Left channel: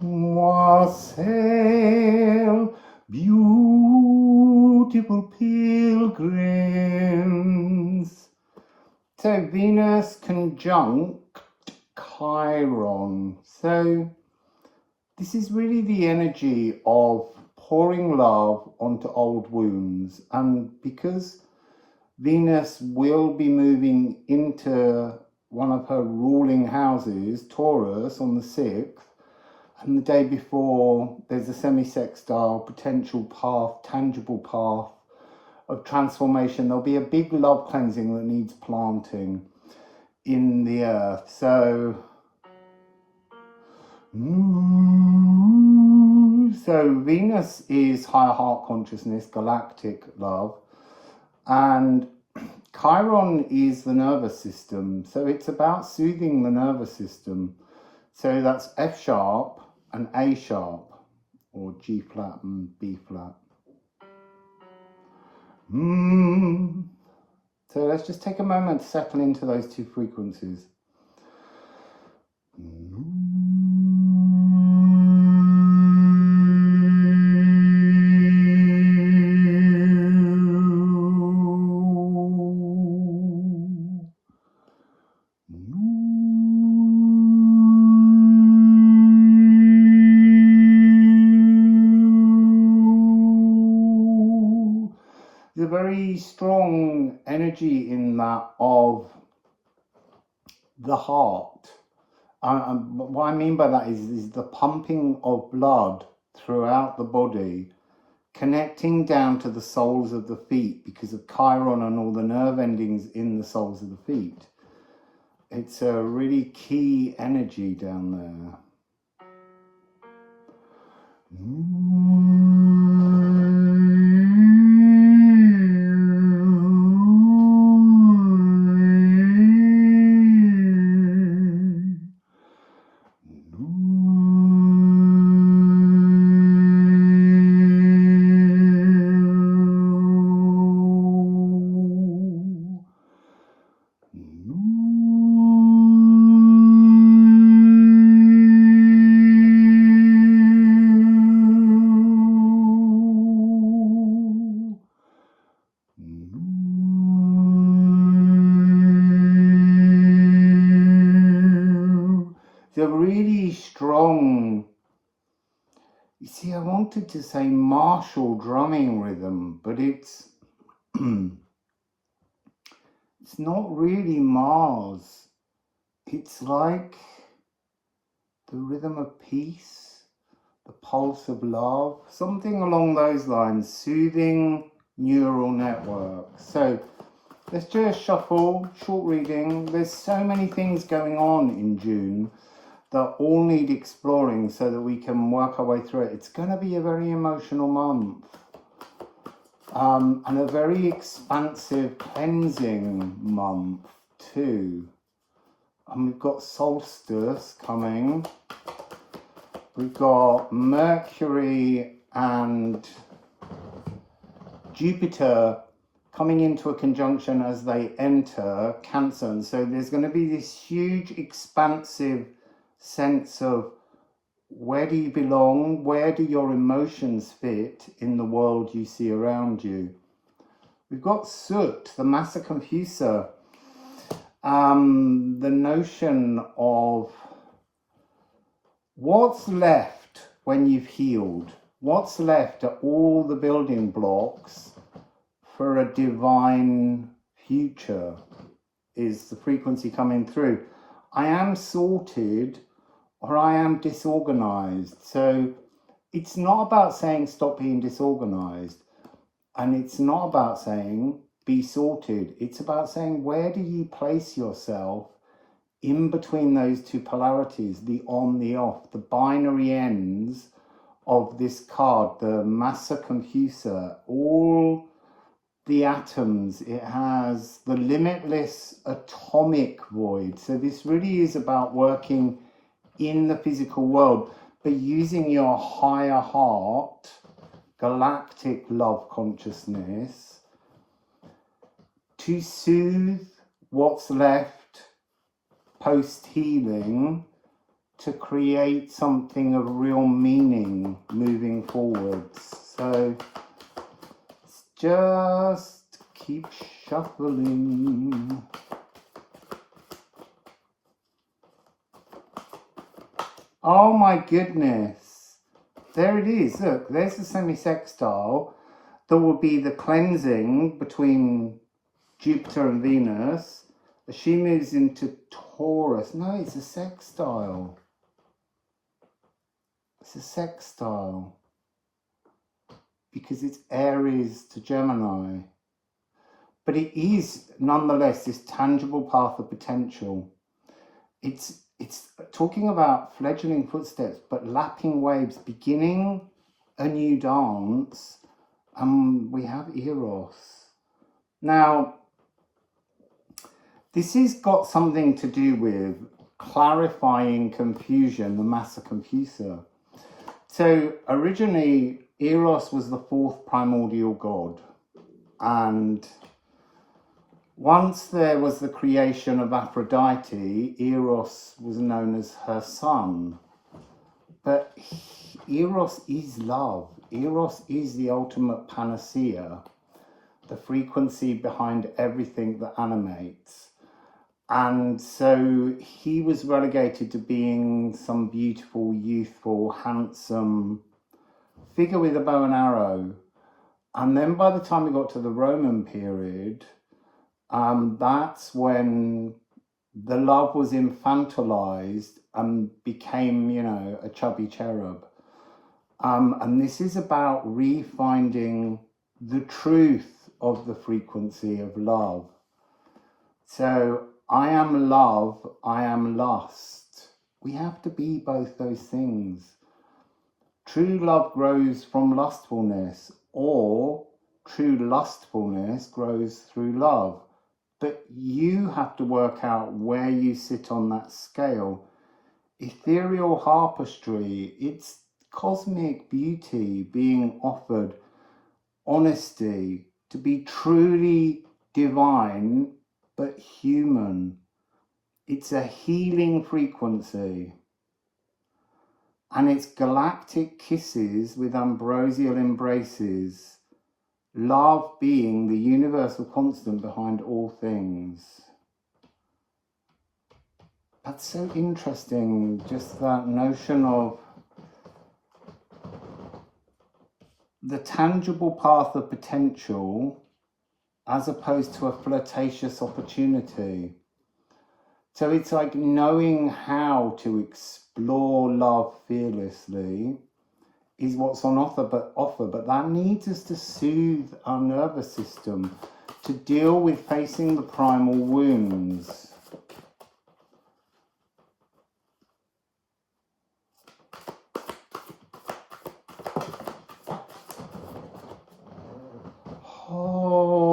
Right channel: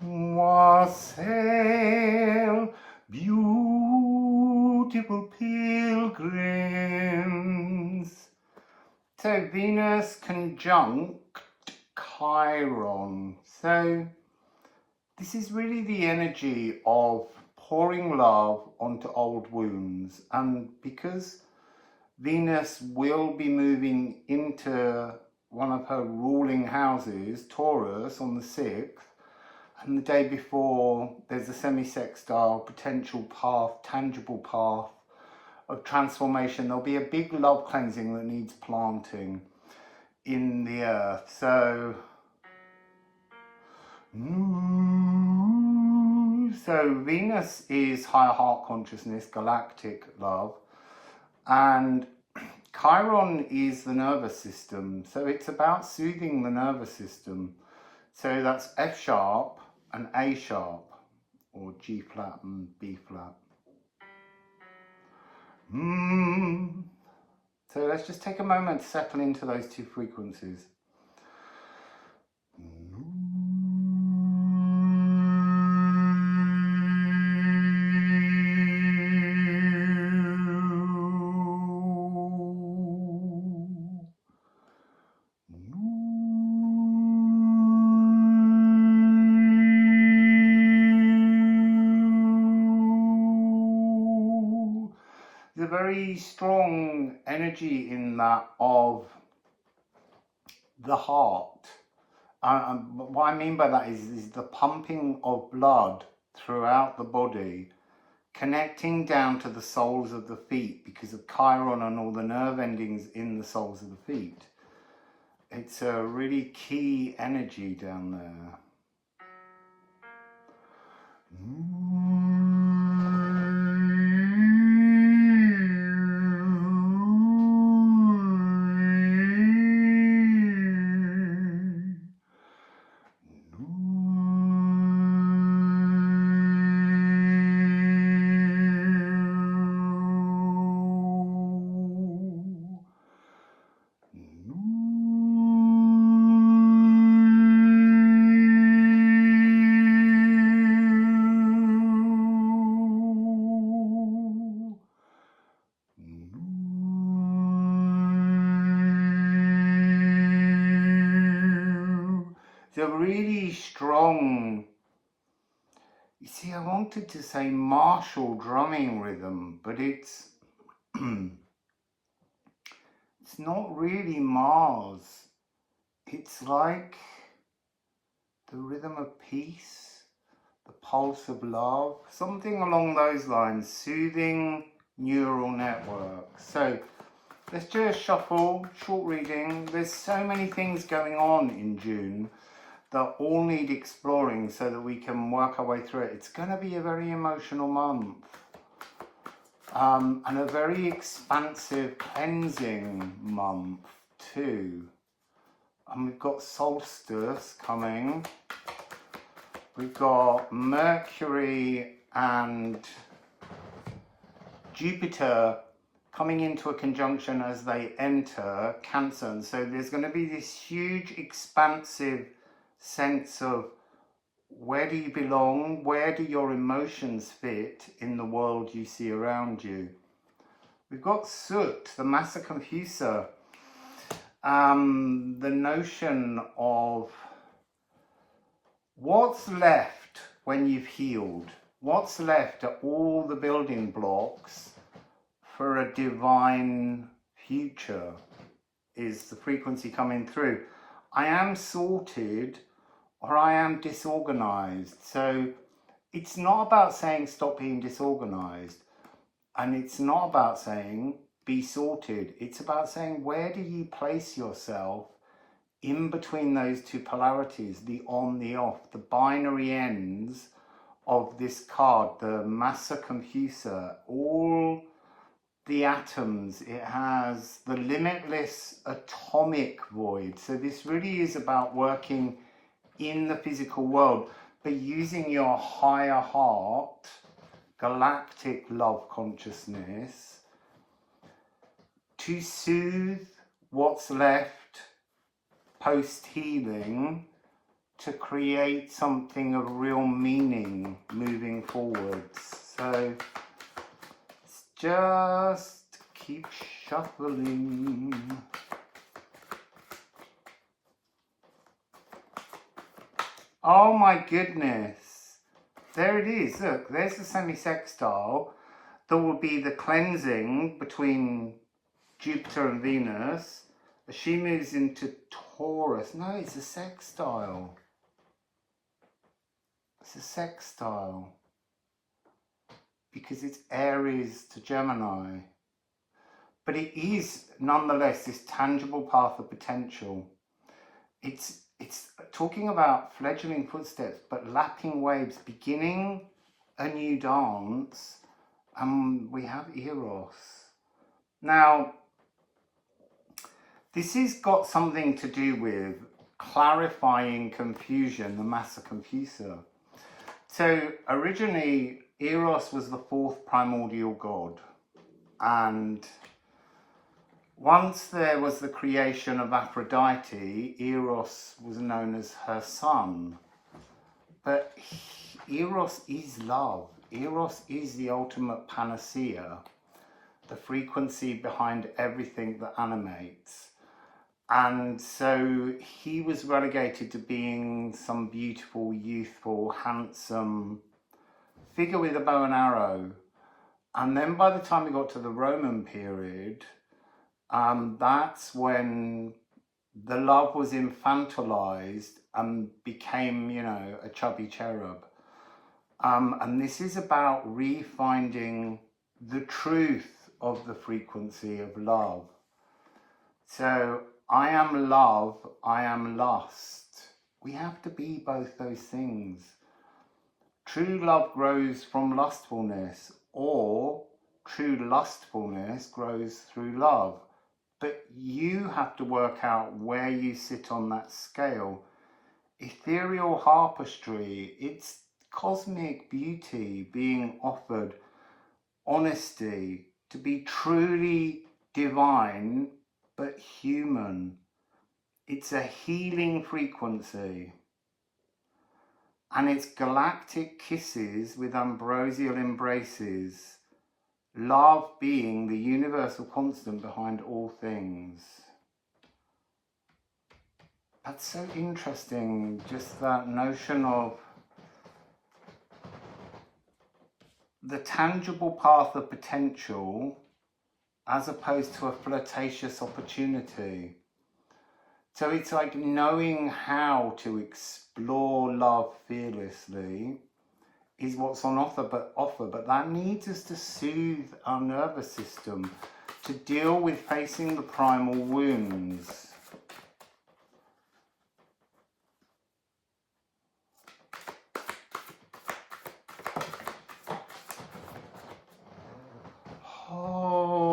Wassail, beautiful pilgrims. So Venus conjunct Chiron. So this is really the energy of pouring love onto old wounds. And because Venus will be moving into one of her ruling houses, Taurus, on the 6th, and the day before there's a semi-sextile potential path, tangible path of transformation. There'll be a big love cleansing that needs planting in the earth. So Venus is higher heart consciousness, galactic love, and Chiron is the nervous system. So it's about soothing the nervous system. So that's F sharp and A sharp, or G flat and B flat. So let's just take a moment to settle into those two frequencies. There's a very strong energy in that of the heart. What I mean by that is the pumping of blood throughout the body, connecting down to the soles of the feet because of Chiron and all the nerve endings in the soles of the feet. It's a really key energy down there. It's a really strong, you see, I wanted to say martial drumming rhythm, but it's it's not really Mars. It's like the rhythm of peace, the pulse of love, something along those lines, soothing neural network. So let's just shuffle, short reading. There's so many things going on in June that all need exploring so that we can work our way through it. It's going to be a very emotional month. And a very expansive cleansing month too. And we've got solstice coming. We've got Mercury and Jupiter coming into a conjunction as they enter Cancer. And so there's going to be this huge expansive sense of where do you belong, where do your emotions fit in the world you see around you. We've got Soot, the Massa Confusa, the notion of what's left when you've healed, what's left are all the building blocks for a divine future is the frequency coming through. I am sorted or I am disorganized. So it's not about saying stop being disorganized, and it's not about saying be sorted. It's about saying where do you place yourself in between those two polarities, the on, the off, the binary ends of this card, the Massa Confusa, all the atoms. It has the limitless atomic void. So this really is about working in the physical world, but using your higher heart, galactic love consciousness, to soothe what's left post-healing to create something of real meaning moving forwards. So just keep shuffling. Oh my goodness. There it is. Look, there's the semi-sextile. There will be the cleansing between Jupiter and Venus as she moves into Taurus. No, it's a sextile. It's a sextile because it's Aries to Gemini. But it is nonetheless this tangible path of potential. It's talking about fledgling footsteps, but lapping waves, beginning a new dance. And we have Eros. Now, this has got something to do with clarifying confusion, the Massa Confusa. So originally, Eros was the fourth primordial god. And once there was the creation of Aphrodite, Eros was known as her son. But Eros is love. Eros is the ultimate panacea, the frequency behind everything that animates. And so he was relegated to being some beautiful, youthful, handsome figure with a bow and arrow. And then by the time we got to the Roman period, that's when the love was infantilized and became, you know, a chubby cherub. And this is about refinding the truth of the frequency of love. So I am love, I am lust. We have to be both those things. True love grows from lustfulness, or true lustfulness grows through love. But you have to work out where you sit on that scale. Ethereal harpistry, it's cosmic beauty being offered, honesty, to be truly divine but human. It's a healing frequency. And it's galactic kisses with ambrosial embraces. Love being the universal constant behind all things. That's so interesting, just that notion of the tangible path of potential as opposed to a flirtatious opportunity. So it's like knowing how to explore love fearlessly is what's on offer, but that needs us to soothe our nervous system, to deal with facing the primal wounds. Oh.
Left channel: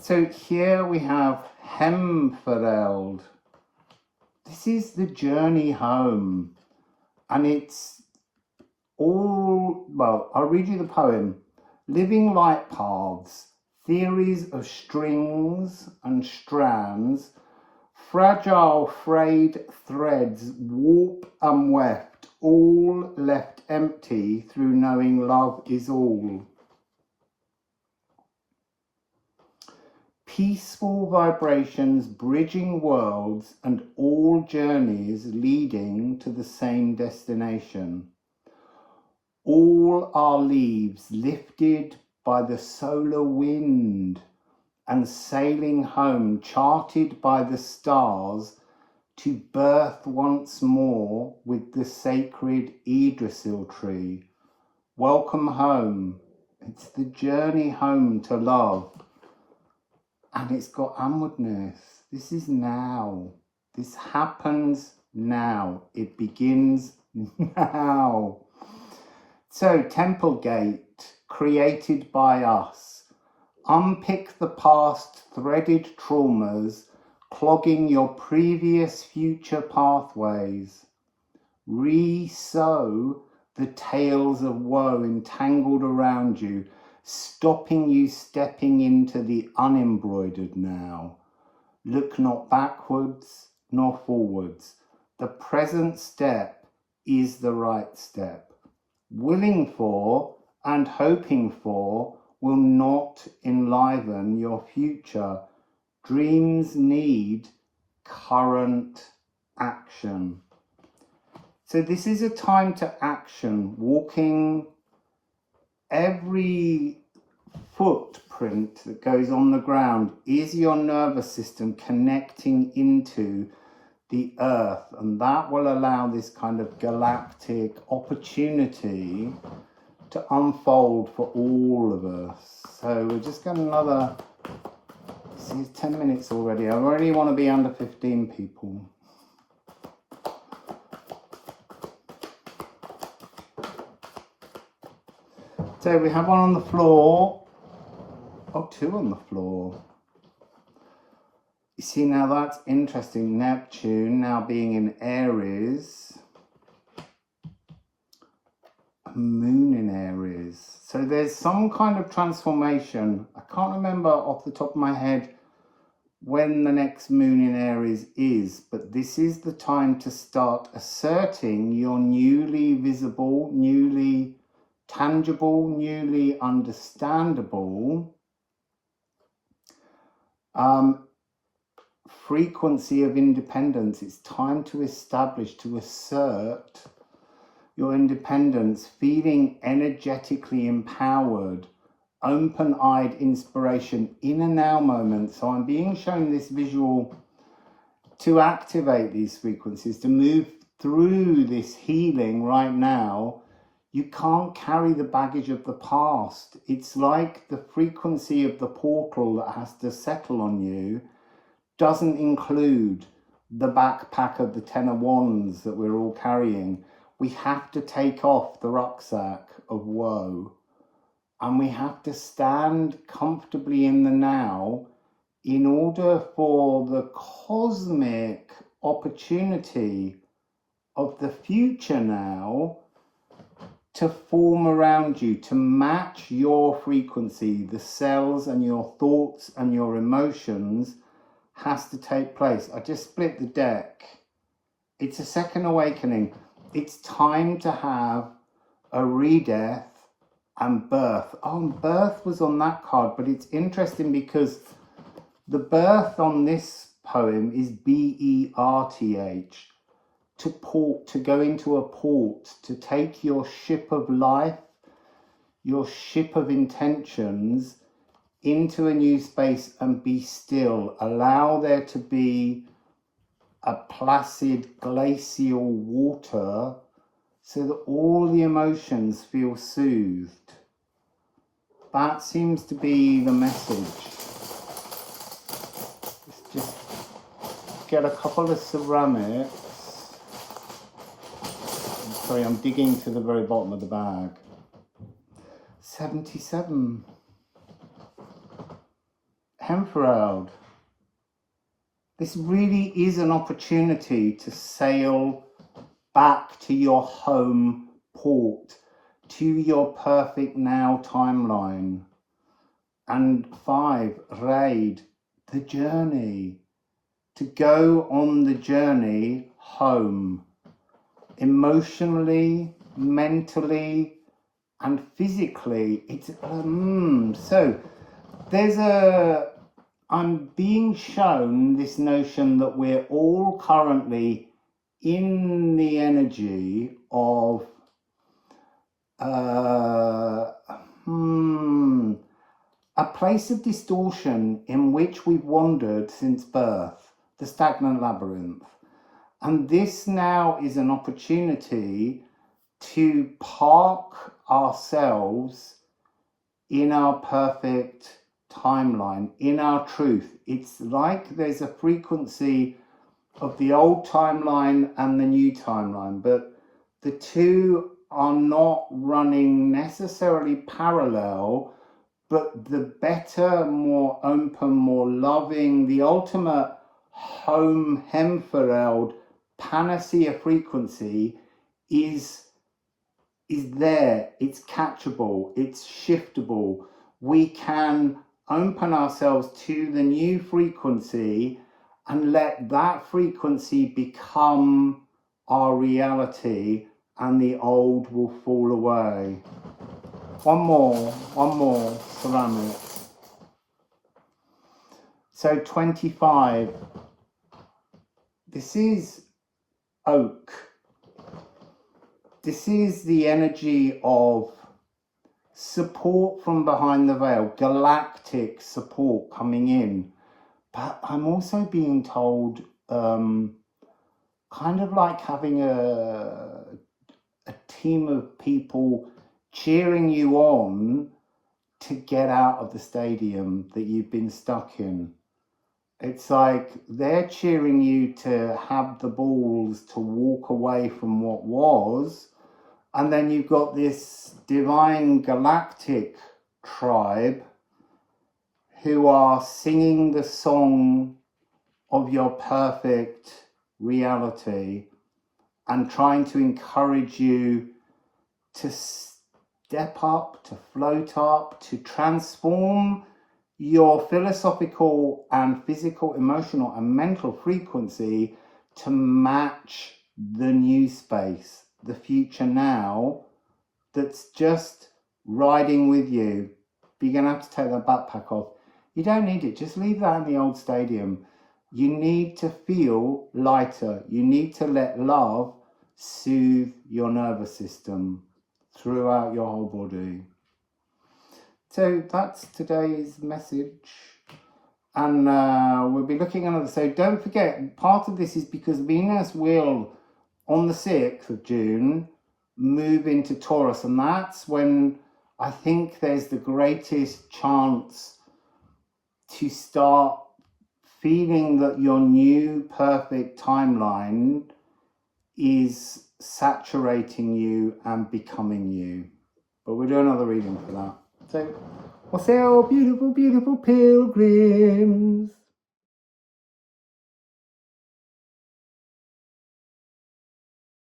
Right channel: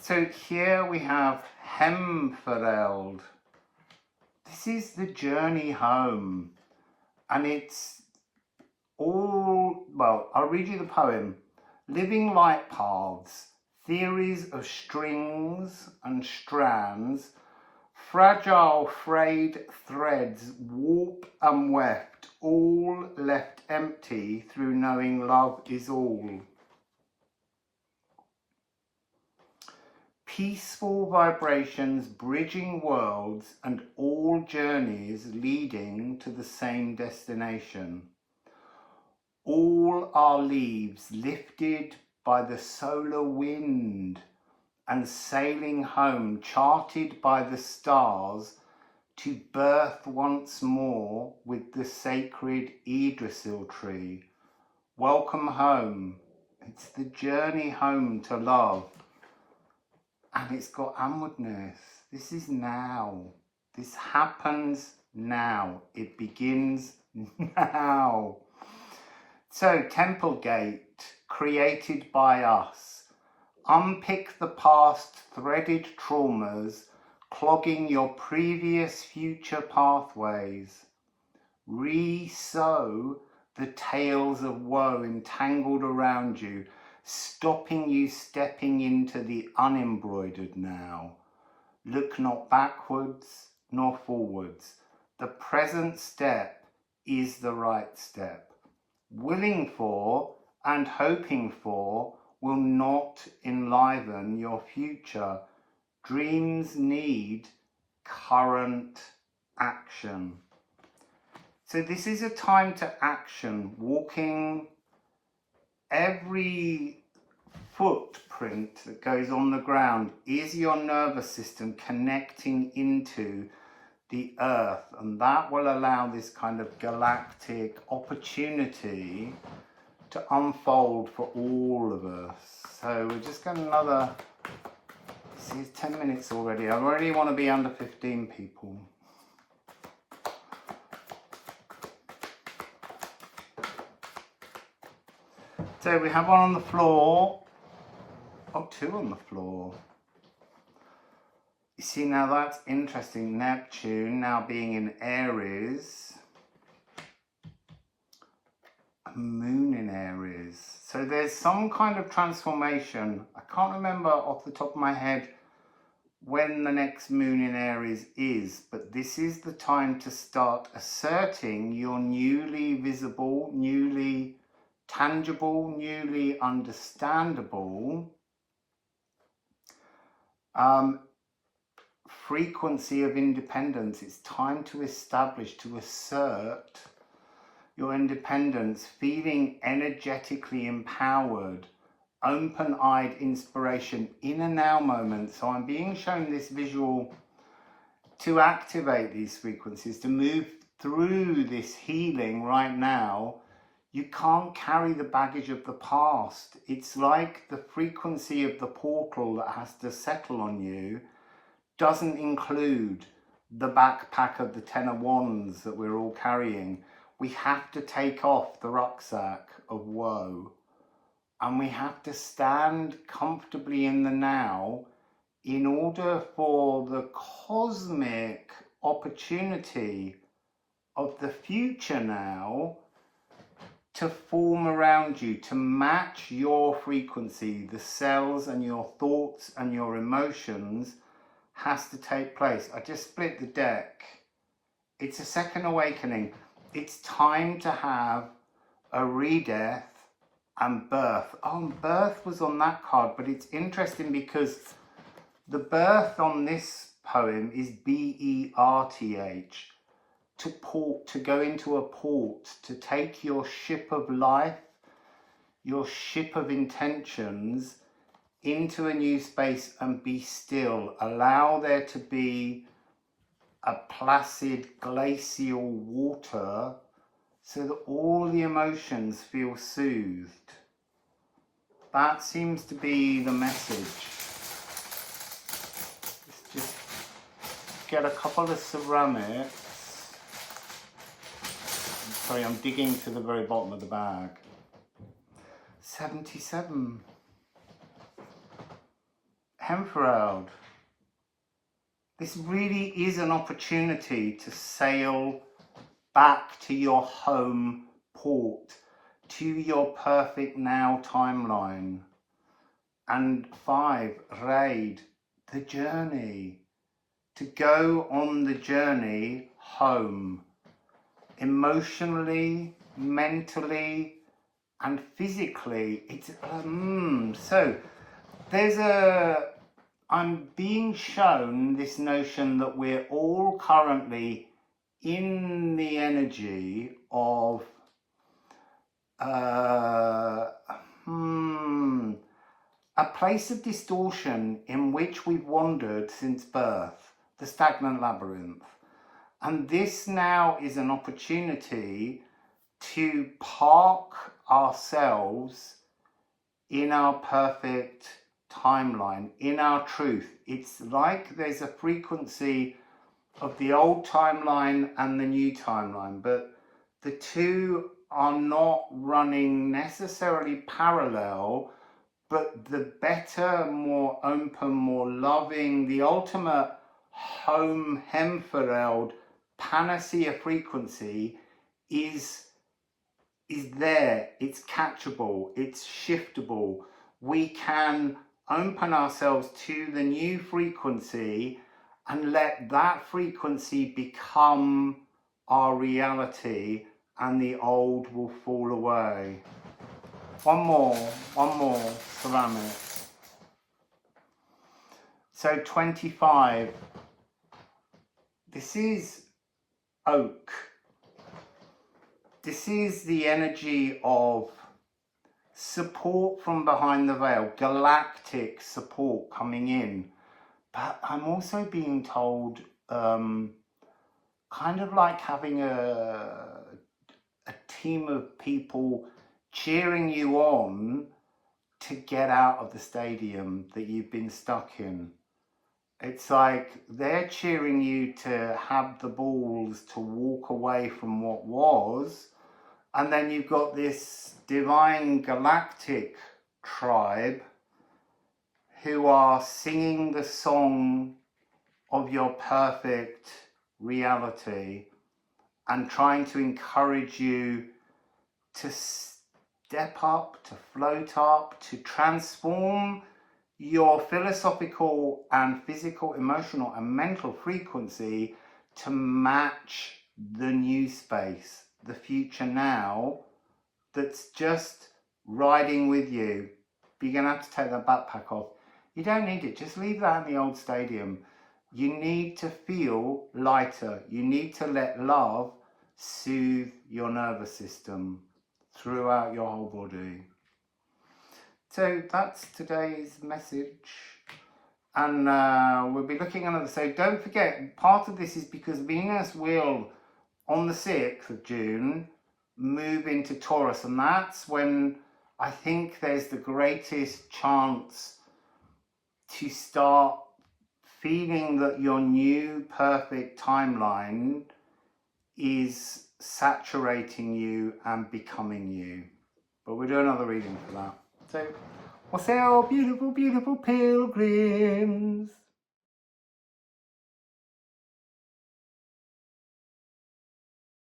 So here we have Hemfereld. This is the journey home, and it's all, well, I'll read you the poem. Living light paths, theories of strings and strands, fragile frayed threads, warp and weft, all left empty through knowing love is all. Peaceful vibrations bridging worlds and all journeys leading to the same destination. All our leaves lifted by the solar wind and sailing home, charted by the stars, to birth once more with the sacred Yggdrasil tree. Welcome home. It's the journey home to love. And it's got onwardness. This is now. This happens now. It begins now. So, Temple Gate, created by us. Unpick the past threaded traumas, clogging your previous future pathways. Re-sow the tales of woe entangled around you, stopping you stepping into the unembroidered now. Look not backwards nor forwards. The present step is the right step. Willing for and hoping for will not enliven your future. Dreams need current action. So this is a time to action, walking every footprint that goes on the ground is your nervous system connecting into the earth, and that will allow this kind of galactic opportunity to unfold for all of us. So we're just going another, see, it's 10 minutes already. I already want to be under 15 people. So we have one on the floor. Oh, two on the floor. You see, now that's interesting. Neptune now being in Aries. A moon in Aries. So there's some kind of transformation. I can't remember off the top of my head when the next moon in Aries is, but this is the time to start asserting your newly visible, newly tangible, newly understandable frequency of independence. It's time to establish, to assert your independence, feeling energetically empowered, open-eyed inspiration in a now moment. So I'm being shown this visual to activate these frequencies, to move through this healing right now. You can't carry the baggage of the past. It's like the frequency of the portal that has to settle on you doesn't include the backpack of the 10 of Wands that we're all carrying. We have to take off the rucksack of woe, and we have to stand comfortably in the now in order for the cosmic opportunity of the future now to form around you, to match your frequency. The cells and your thoughts and your emotions has to take place. I just split the deck. It's a second awakening. It's time to have a redeath and birth. Oh, birth was on that card, but it's interesting because the birth on this poem is B-E-R-T-H. To port, to go into a port, to take your ship of life, your ship of intentions into a new space and be still. Allow there to be a placid glacial water so that all the emotions feel soothed. That seems to be the message. Let's just get a couple of ceramics. Sorry, I'm digging to the very bottom of the bag. 77. Hemferald. This really is an opportunity to sail back to your home port, to your perfect now timeline. And 5, Raid, the journey. To go on the journey home. Emotionally, mentally, and physically. It's so there's I'm being shown this notion that we're all currently in the energy of a place of distortion in which we've wandered since birth, the stagnant labyrinth. And this now is an opportunity to park ourselves in our perfect timeline, in our truth. It's like there's a frequency of the old timeline and the new timeline, but the two are not running necessarily parallel, but the better, more open, more loving, the ultimate home Hemfereld panacea frequency is there. It's catchable, it's shiftable. We can open ourselves to the new frequency and let that frequency become our reality, and the old will fall away. One more ceramics. So 25. This is oak. This is the energy of support from behind the veil, galactic support coming in. But I'm also being told, kind of like having a team of people cheering you on to get out of the stadium that you've been stuck in. It's like they're cheering you to have the balls to walk away from what was. And then you've got this divine galactic tribe who are singing the song of your perfect reality and trying to encourage you to step up, to float up, to transform your philosophical and physical, emotional and mental frequency to match the new space, the future now, that's just riding with you. But you're going to have to take that backpack off. You don't need it. Just leave that in the old stadium. You need to feel lighter. You need to let love soothe your nervous system throughout your whole body. So that's today's message. And we'll be looking at another. So don't forget, part of this is because Venus will, on the 6th of June, move into Taurus. And that's when I think there's the greatest chance to start feeling that your new perfect timeline is saturating you and becoming you. But we'll do another reading for that. So, Wassail, beautiful, beautiful pilgrims.